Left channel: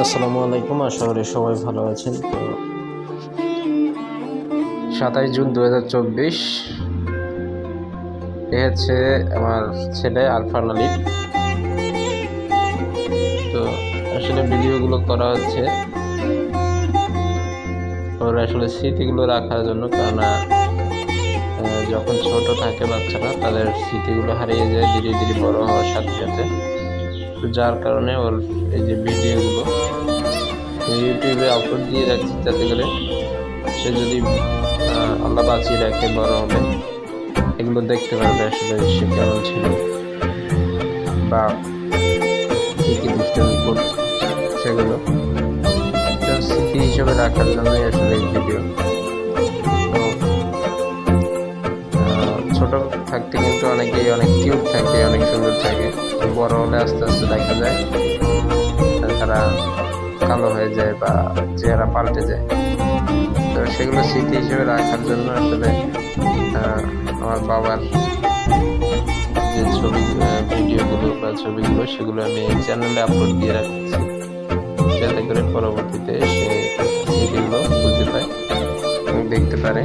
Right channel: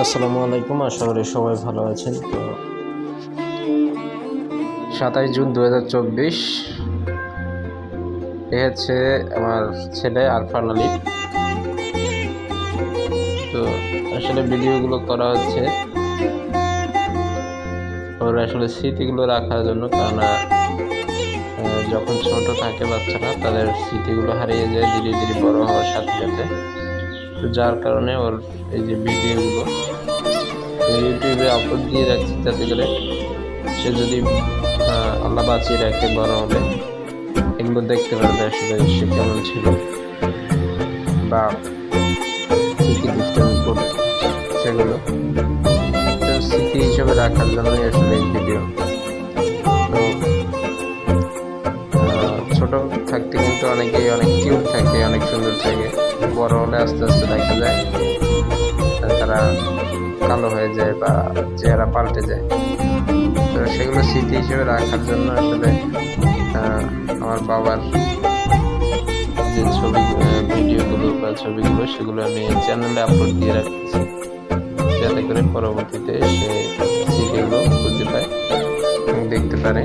আসসালামু আলাইকুম, আশা করি সবাই ভালো আছেন। তো সাতাশ জুন দু হাজার চব্বিশ, এ হচ্ছে আমার ছেলে আরফান আলী। তো আসলে ভিডিওগুলো করা হচ্ছে ওর আসলে স্মৃতিগুলো রাখার জন্য, কেননা যখন ছোট থাকে বাচ্চারা, তাদের স্মৃতিগুলো হারিয়ে যায় ধীরে ধীরে বড় হওয়ার সাথে সাথে। তো যার কারণে ওর এই যে ভিডিওগুলো ইউটিউবে আপলোড দিয়ে রাখছি যাতে করে সে যদি আল্লাহ বাঁচিয়ে রাখে বড় হলে, এগুলো দেখতে পারবে আসলে সে কেমন ছিল বা কী কী দুষ্টামি করত সেগুলো। স্মৃতি হিসেবে রাখার জন্যই আসলে এই ভিডিও ছোট থাকতে কিন্তু অনেকেই অনেক কিউট থাকে, অনেক সুন্দর থাকে। বড় হলে আস্তে আস্তে দেখা যায়। তারা কালো হয়ে যায় বা চেহারা পাল্টে যায়। তো সেগুলো স্মৃতি হিসেবে রাখার জন্য আসলে আমার বাবার যে ছবি ভিডিওগুলো বা ছবিগুলো, সেগুলো আমি চ্যানেলে আপলোড দিয়ে রাখছি। যাতে করে পরবর্তীতে সে স্মৃতিগুলো বুঝতে পায় দেখতে পারে।